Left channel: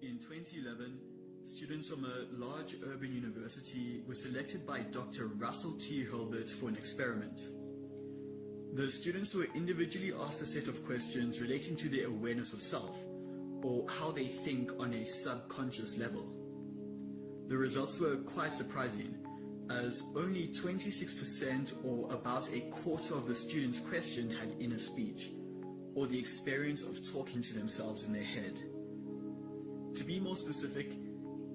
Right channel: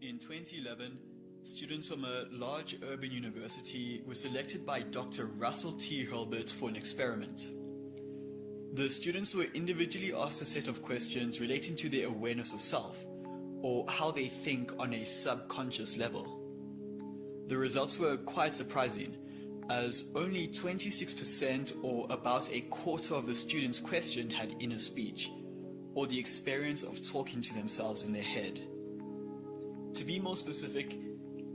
In 2011, students from a large urban university were selected by Dr. Russell T. Hurlburt for an experiment. The students were individually asked a set of questions relating to their awareness of self, or how they think on a subconscious level. The results were quite surprising, as only 26% or about a quarter of the students questioned had inner speech, or the experience of talking to themselves in their head. To be more specific,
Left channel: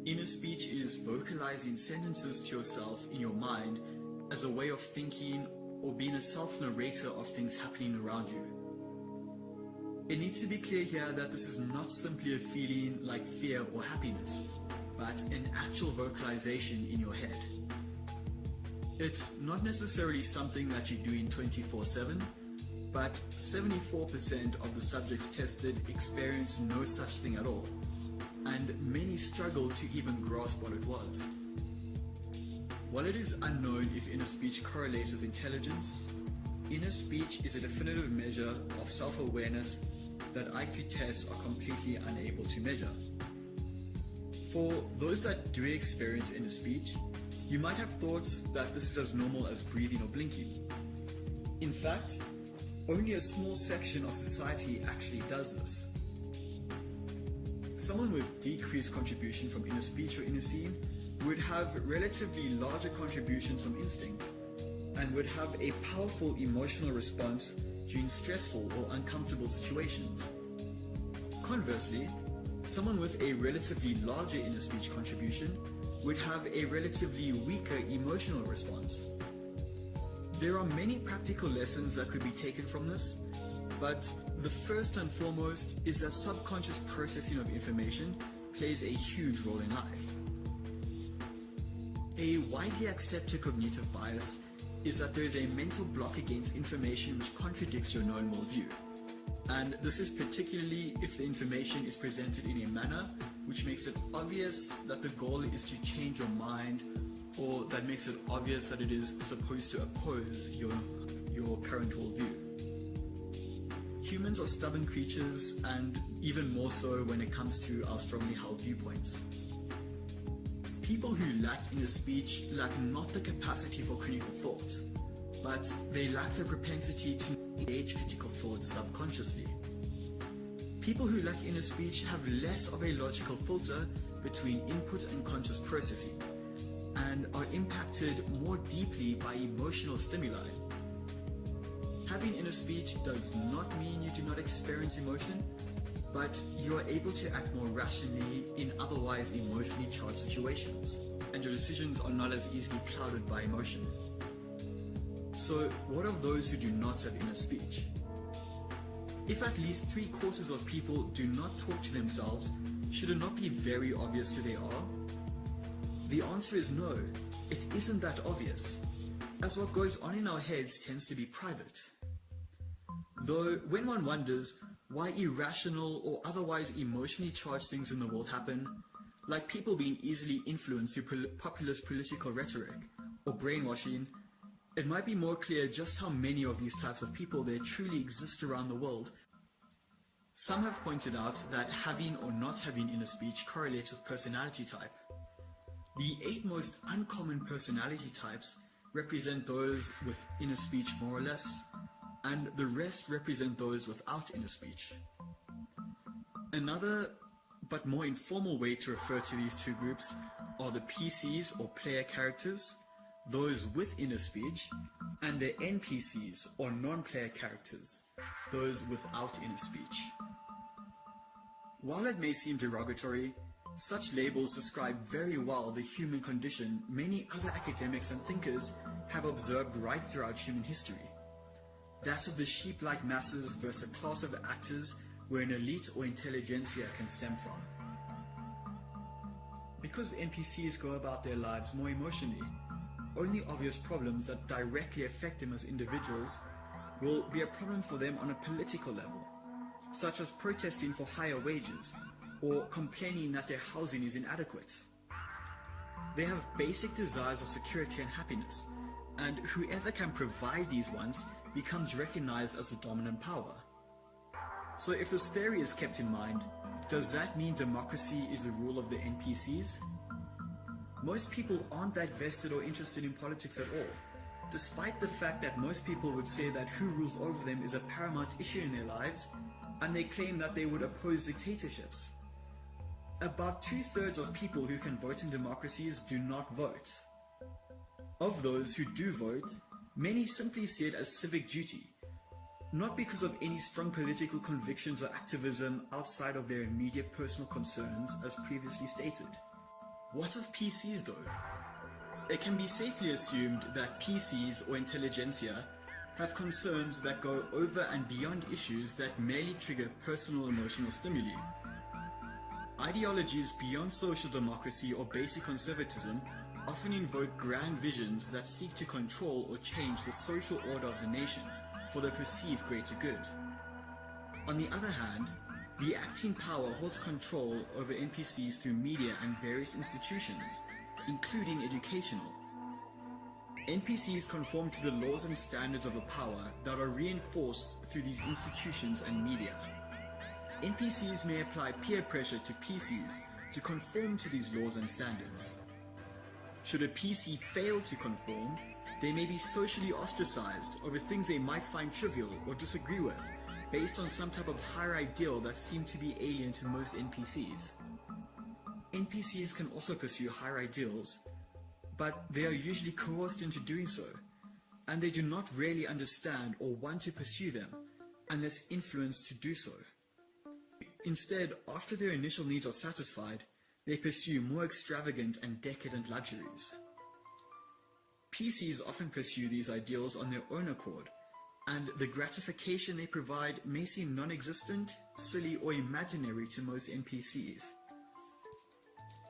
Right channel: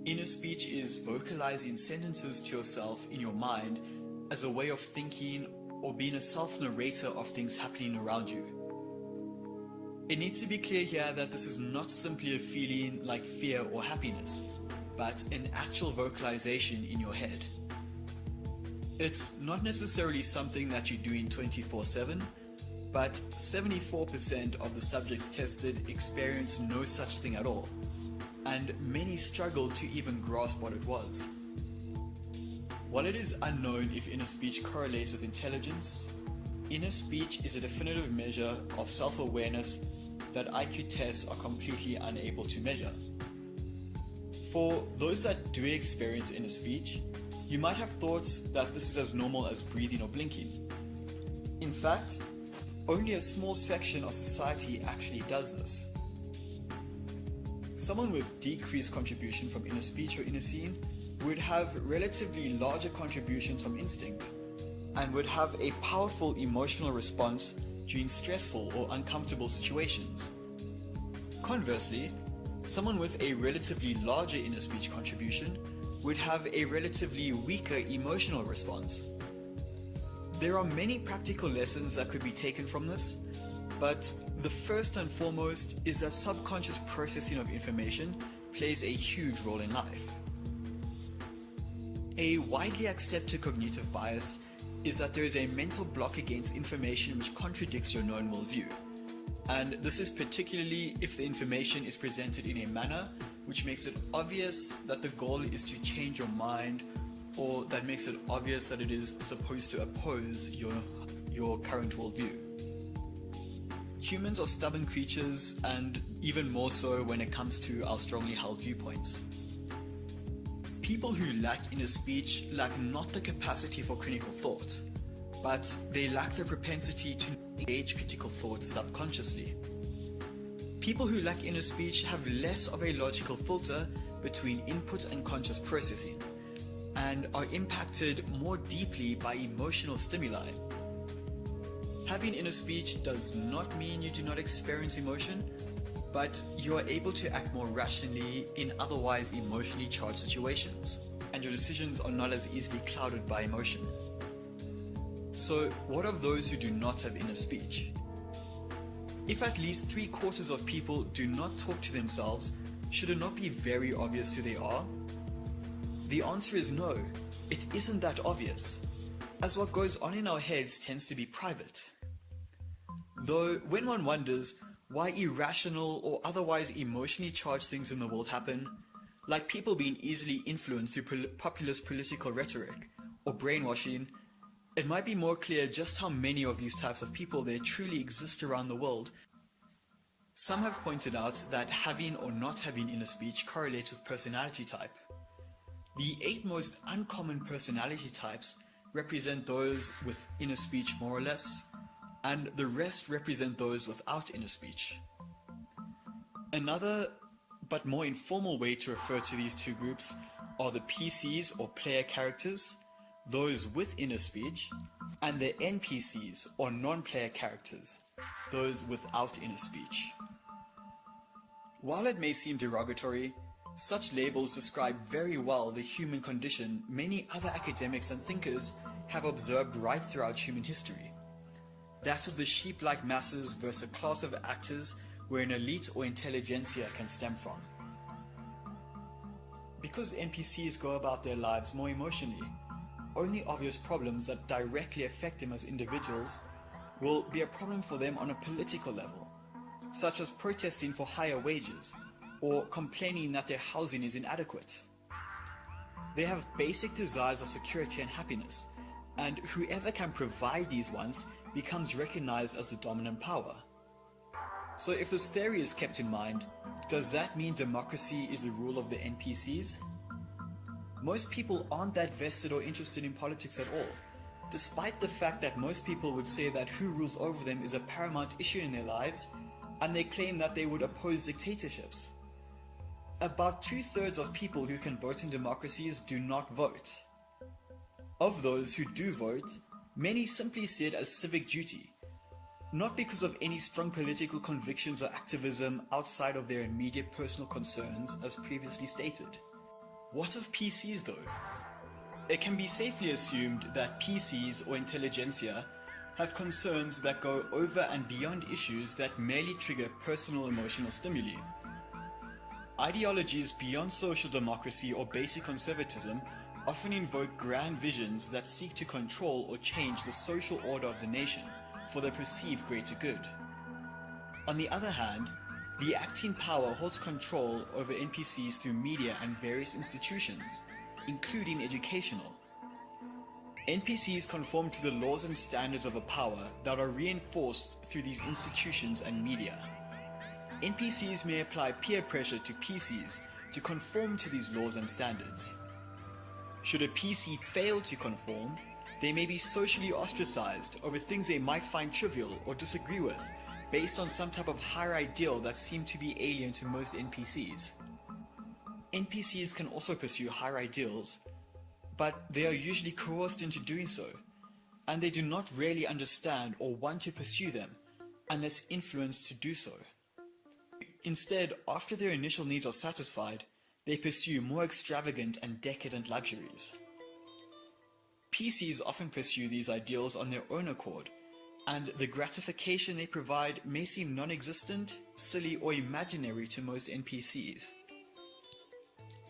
inner speech is vocalizing sentences to yourself in your mind as a way of thinking or being a self-narrator of things happening around you. It needs to be clear here that this is not simply a feeling like fear or happiness, but an actual vocalization in your head. It's not necessarily something that you do in 24/7, but 74% of the subjects tested experienced no such thing at all, and many struggled to even grasp what it was. While it is unknown if inner speech correlates with intelligence, inner speech is a definitive measure of self-awareness that IQ tests are completely unable to measure. For those that do experience inner speech, you might have thoughts that this is as normal as breathing or blinking. In fact, only a small section of society actually does this. Someone with decreased contribution from inner speech or inner seeing would have relatively larger contributions from instinct, and would have a powerful emotional response during stressful or uncomfortable situations. Conversely, someone with a relatively larger inner speech contribution would have a relatively weaker emotional response. There are many practical lessons that could be taken from this, but the first and foremost is that subconscious processing of information plays a huge role in life. A widely accepted cognitive bias is that there is a mental block against information which contradicts your known worldview. And this is particularly if the information is presented in a manner which makes it obvious that the goal is to change your mind, or that makes it obvious that it is supposed to oppose your current worldview. Humans are stubborn creatures, and even more so when it comes to our strongly held viewpoints. People who lack inner speech lack not the capacity for critical thought, but they lack the propensity to engage critical thought subconsciously. People who lack inner speech have less of a logical filter between input and conscious processing, and are impacted more deeply by emotional stimuli. Having inner speech does not mean you do not experience emotion, but you are able to act more rationally in otherwise emotionally charged situations, and your decisions are not as easily clouded by emotion. So, what of those who do not have inner speech? If at least 3/4 of people do not talk to themselves, should it not be very obvious who they are? The answer is no, it isn't that obvious, as what goes on in our heads tends to be private. Though, when one wonders why irrational or otherwise emotionally charged things in the world happen, like people being easily influenced through populist political rhetoric or brainwashing, it might be more clear just how many of these types of people there truly exist around the world. Some have pointed out that having or not having inner speech correlates with personality type. The 8 most uncommon personality types represent those with inner speech more or less, and the rest represent those without inner speech. Another, but more informal way to refer to these two groups are the PCs or player characters, those with inner speech, and the NPCs or non-player characters, those without inner speech. While it may seem derogatory, such labels describe very well the human condition many other academics and thinkers have observed right throughout human history. That of the sheep-like masses versus a class of actors where an elite or intelligentsia can stem from. Because NPCs go about their lives more emotionally, only obvious problems that directly affect them as individuals will be a problem for them on a political level, such as protesting for higher wages or complaining that their housing is inadequate. They have basic desires of security and happiness, and whoever can provide these wants becomes recognized as the dominant power. So if this theory is kept in mind, does that mean democracy is the rule of the NPCs? Most people aren't that vested or interested in politics at all, despite the fact that most people would say that who rules over them is a paramount issue in their lives, and they claim that they would oppose dictatorships. About 2/3 of people who can vote in democracies do not vote. Of those who do vote, many simply see it as civic duty, not because of any strong political convictions or activism outside of their immediate personal concerns as previously stated. What of PCs though? It can be safely assumed that PCs or intelligentsia have concerns that go over and beyond issues that merely trigger personal emotional stimuli. Ideologies beyond social democracy or basic conservatism often invoke grand visions that seek to control or change the social order of the nation for the perceived greater good. On the other hand, the acting power holds control over NPCs through media and various institutions, including educational. NPCs conform to the laws and standards of a power that are reinforced through these institutions and media. NPCs may apply peer pressure to PCs to conform to these laws and standards. Should a PC fail to conform, they may be socially ostracized over things they might find trivial or disagree with, based on some type of higher ideal that seemed to be alien to most NPCs. NPCs can also pursue higher ideals, but they are usually coerced into doing so, and they do not really understand or want to pursue them unless influenced to do so. Instead, after their initial needs are satisfied, they pursue more extravagant and decadent luxuries. PCs often pursue these ideals on their own accord, and the gratification they provide may seem non-existent, silly, or imaginary to most NPCs.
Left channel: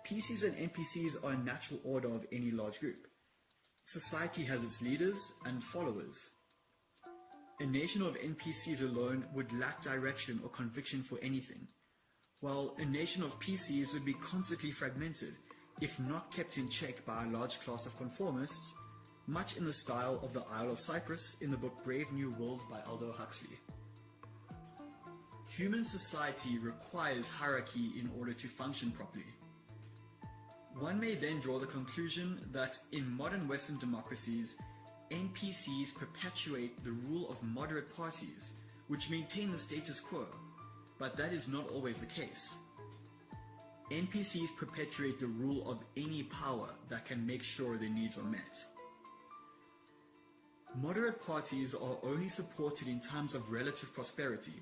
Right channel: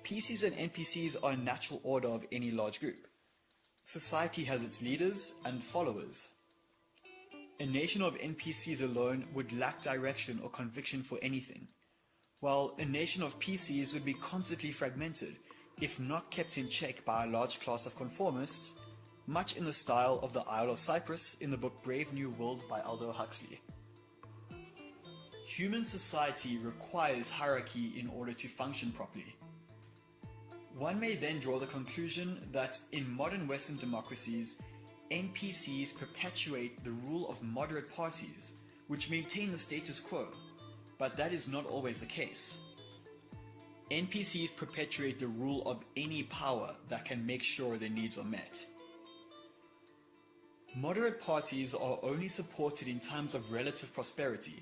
PCs and NPCs are a natural order of any large group. Society has its leaders and followers. A nation of NPCs alone would lack direction or conviction for anything, while a nation of PCs would be constantly fragmented, if not kept in check by a large class of conformists, much in the style of the Isle of Cyprus in the book Brave New World by Aldous Huxley. Human society requires hierarchy in order to function properly. One may then draw the conclusion that in modern Western democracies, NPCs perpetuate the rule of moderate parties, which maintain the status quo, but that is not always the case. NPCs perpetuate the rule of any power that can make sure their needs are met. Moderate parties are only supported in times of relative prosperity.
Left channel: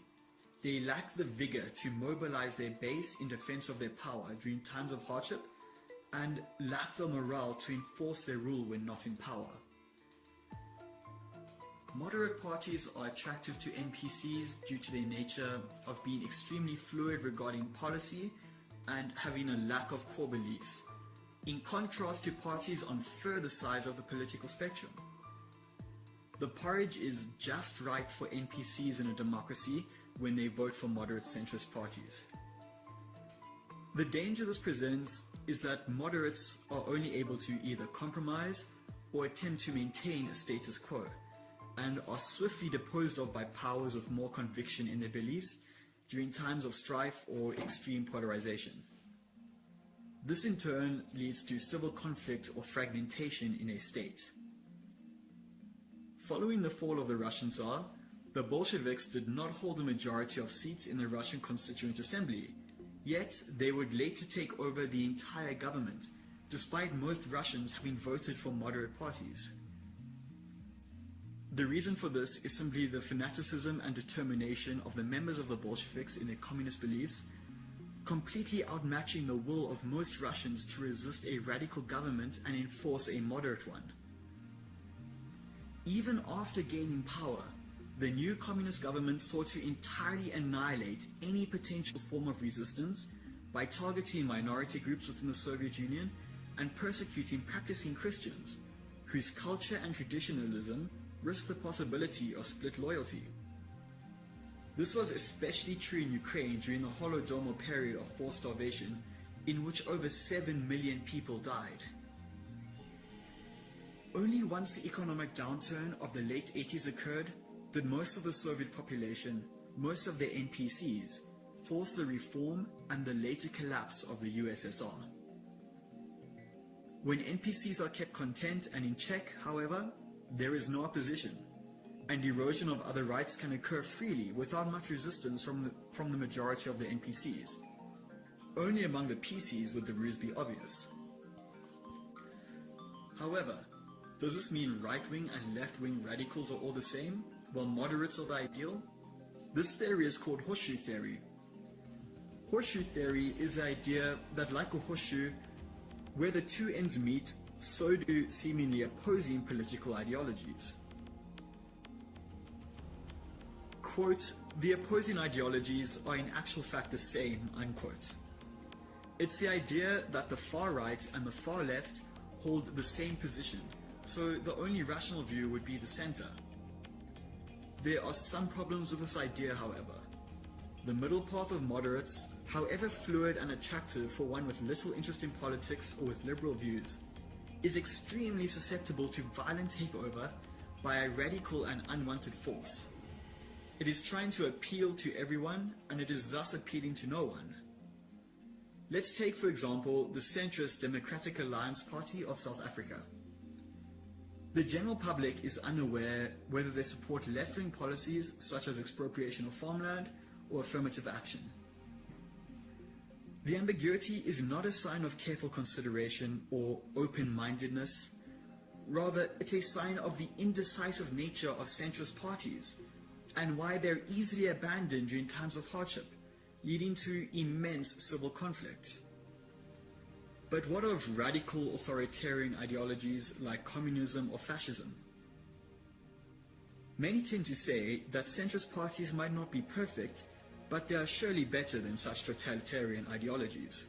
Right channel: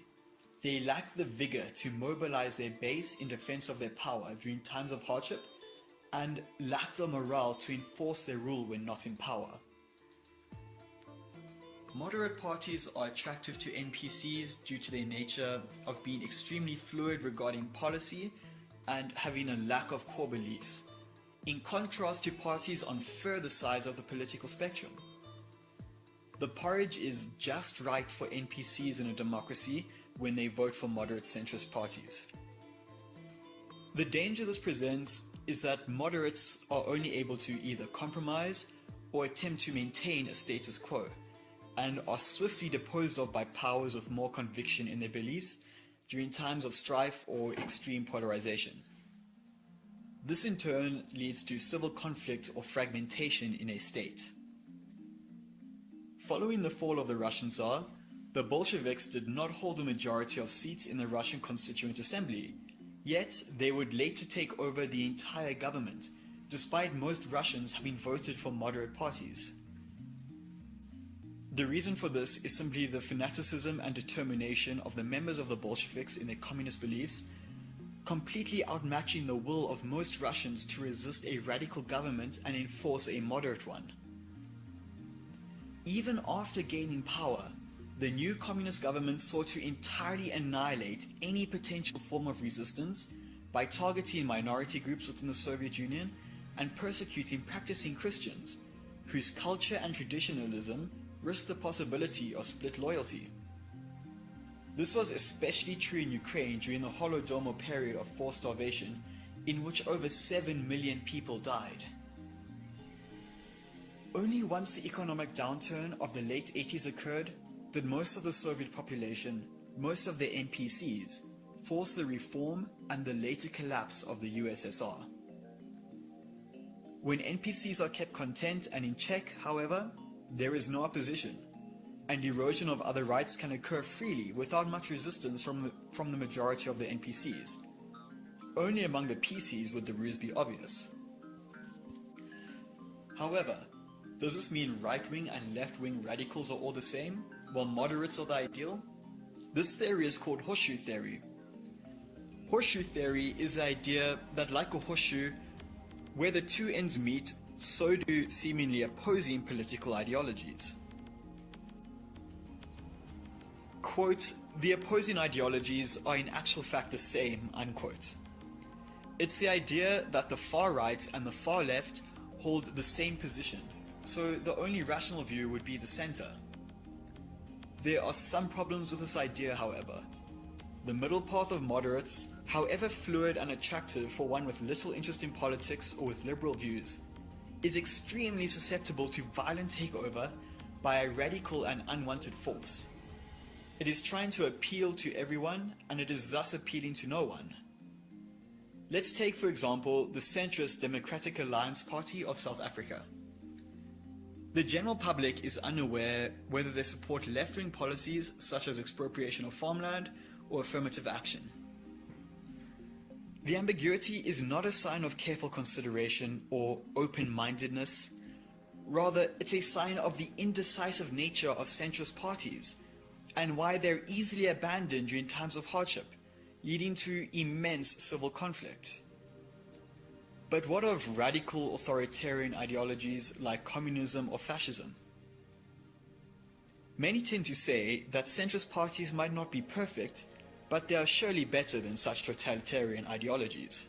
They lack the vigor to mobilize their base in defense of their power during times of hardship, and lack the morale to enforce their rule when not in power. Moderate parties are attractive to NPCs due to their nature of being extremely fluid regarding policy and having a lack of core beliefs, in contrast to parties on further sides of the political spectrum. The porridge is just right for NPCs in a democracy when they vote for moderate centrist parties. The danger this presents is that moderates are only able to either compromise or attempt to maintain a status quo, and are swiftly disposed of by powers with more conviction in their beliefs during times of strife or extreme polarization. This in turn leads to civil conflict or fragmentation in a state. Following the fall of the Russian Tsar, the Bolsheviks did not hold a majority of seats in the Russian Constituent Assembly, yet they would later take over the entire government, despite most Russians having voted for moderate parties. The reason for this is simply the fanaticism and determination of the members of the Bolsheviks in their communist beliefs, completely outmatching the will of most Russians to resist a radical government and enforce a moderate one. Even after gaining power, the new communist government sought to entirely annihilate any potential form of resistance by targeting minority groups within the Soviet Union and persecuting practicing Christians, whose culture and traditionalism risked the possibility of split loyalty. This was especially true in Ukraine during the Holodomor period of forced starvation, in which over 7 million people died. Only once the economic downturn of the late 80s occurred did most of the Soviet population, most of the NPCs, force the reform and the later collapse of the USSR. When NPCs are kept content and in check, however, there is no opposition, and erosion of other rights can occur freely without much resistance from the majority of the NPCs. Only among the PCs would the ruse be obvious. However, does this mean right-wing and left-wing radicals are all the same, while moderates are the ideal? This theory is called horseshoe theory. Horseshoe theory is the idea that, like a horseshoe, where the two ends meet, so do seemingly opposing political ideologies. Quote, "The opposing ideologies are in actual fact the same," unquote. It's the idea that the far right and the far left hold the same position, so the only rational view would be the center. There are some problems with this idea, however. The middle path of moderates, however fluid and attractive for one with little interest in politics or with liberal views, is extremely susceptible to violent takeover by a radical and unwanted force. It is trying to appeal to everyone, and it is thus appealing to no one. Let's take, for example, the centrist Democratic Alliance Party of South Africa. The general public is unaware whether they support left-wing policies such as expropriation of farmland or affirmative action. The ambiguity is not a sign of careful consideration or open-mindedness. Rather, it's a sign of the indecisive nature of centrist parties and why they're easily abandoned during times of hardship, leading to immense civil conflict. But what of radical authoritarian ideologies like communism or fascism? Many tend to say that centrist parties might not be perfect, but they are surely better than such totalitarian ideologies.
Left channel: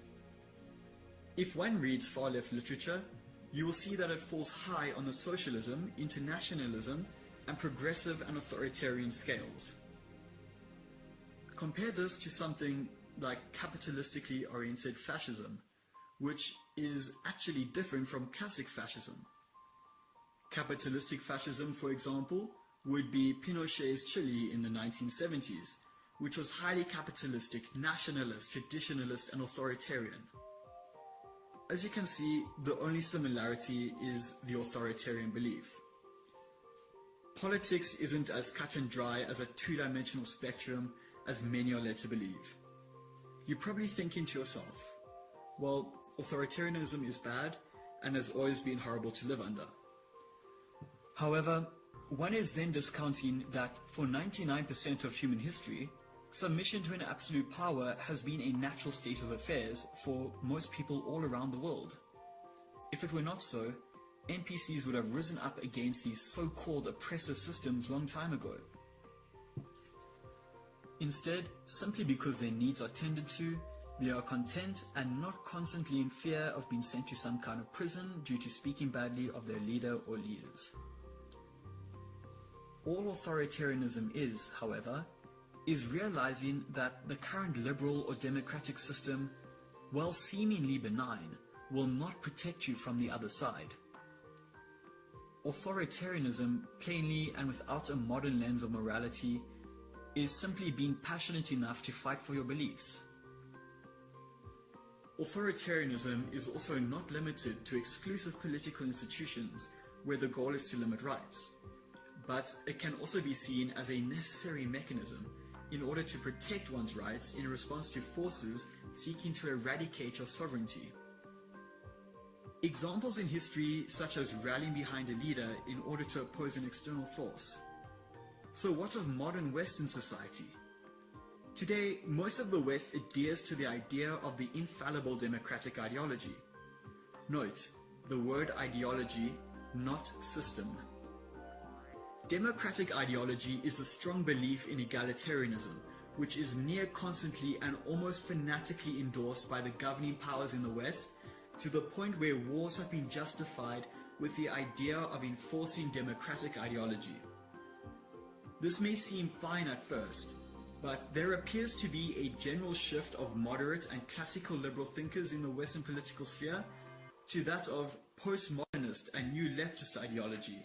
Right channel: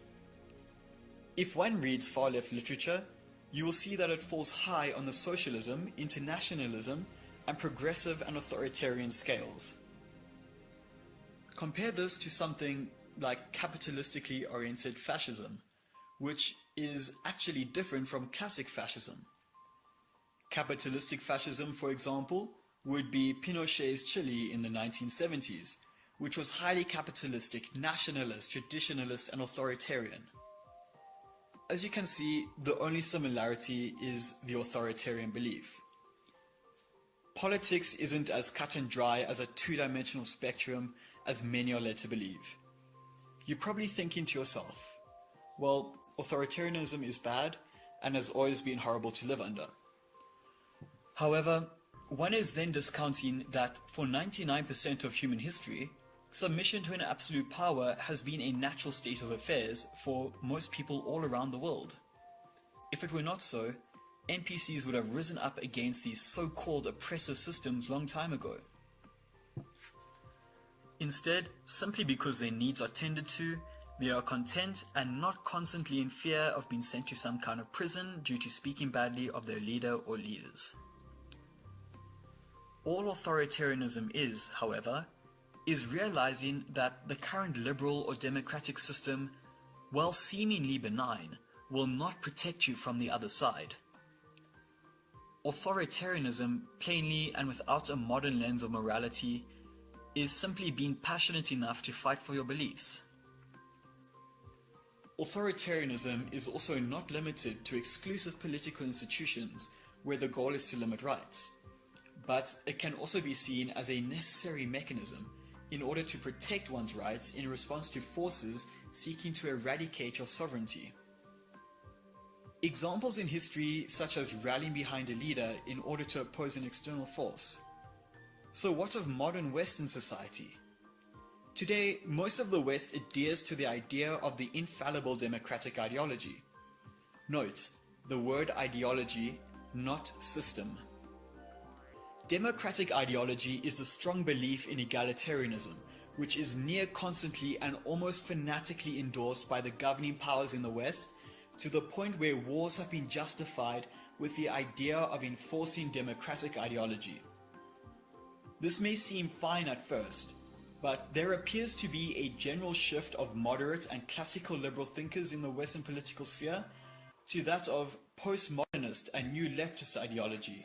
If one reads far-left literature, you will see that it falls high on the socialism, internationalism, and progressive and authoritarian scales. Compare this to something like capitalistically oriented fascism, which is actually different from classic fascism. Capitalistic fascism, for example, would be Pinochet's Chile in the 1970s, which was highly capitalistic, nationalist, traditionalist, and authoritarian. As you can see, the only similarity is the authoritarian belief. Politics isn't as cut and dry as a two-dimensional spectrum as many are led to believe. You're probably thinking to yourself, well, authoritarianism is bad and has always been horrible to live under. However, one is then discounting that for 99% of human history, submission to an absolute power has been a natural state of affairs for most people all around the world. If it were not so, NPCs would have risen up against these so-called oppressive systems long time ago. Instead, simply because their needs are tended to, they are content and not constantly in fear of being sent to some kind of prison due to speaking badly of their leader or leaders. All authoritarianism is, however, is realizing that the current liberal or democratic system, while seemingly benign, will not protect you from the other side. Authoritarianism, plainly and without a modern lens of morality, is simply being passionate enough to fight for your beliefs. Authoritarianism is also not limited to exclusive political institutions where the goal is to limit rights, but it can also be seen as a necessary mechanism in order to protect one's rights in response to forces seeking to eradicate your sovereignty. Examples in history such as rallying behind a leader in order to oppose an external force. So what of modern Western society? Today, most of the West adheres to the idea of the infallible democratic ideology. Note, the word ideology, not system. Democratic ideology is the strong belief in egalitarianism, which is near constantly and almost fanatically endorsed by the governing powers in the West, to the point where wars have been justified with the idea of enforcing democratic ideology. This may seem fine at first, but there appears to be a general shift of moderate and classical liberal thinkers in the Western political sphere to that of postmodernist and new leftist ideology,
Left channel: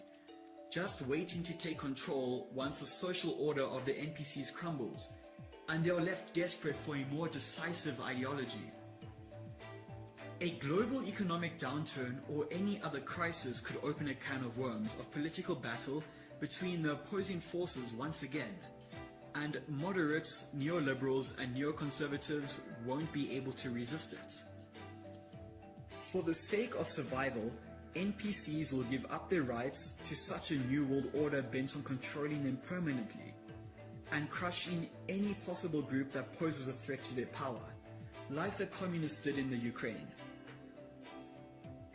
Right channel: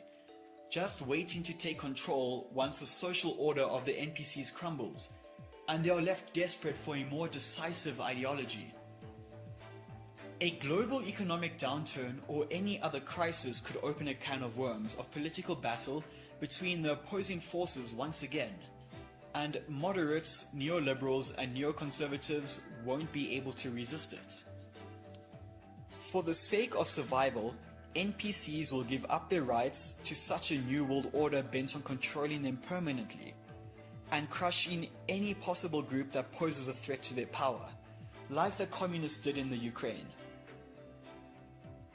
just waiting to take control once the social order of the NPCs crumbles, and they are left desperate for a more decisive ideology. A global economic downturn or any other crisis could open a can of worms of political battle between the opposing forces once again, and moderates, neoliberals and neoconservatives won't be able to resist it. For the sake of survival, NPCs will give up their rights to such a new world order bent on controlling them permanently, and crushing any possible group that poses a threat to their power, like the communists did in the Ukraine.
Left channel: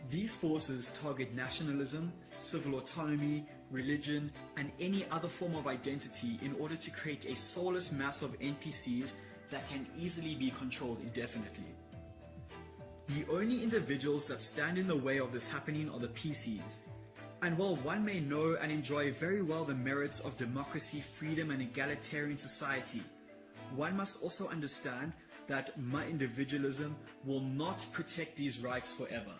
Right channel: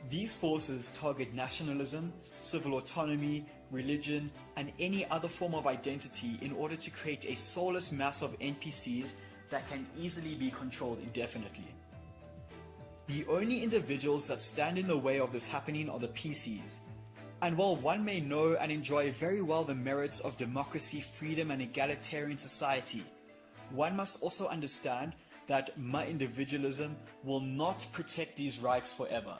These forces target nationalism, civil autonomy, religion, and any other form of identity in order to create a soulless mass of NPCs that can easily be controlled indefinitely. The only individuals that stand in the way of this happening are the PCs. And while one may know and enjoy very well the merits of democracy, freedom, and egalitarian society, one must also understand that my individualism will not protect these rights forever.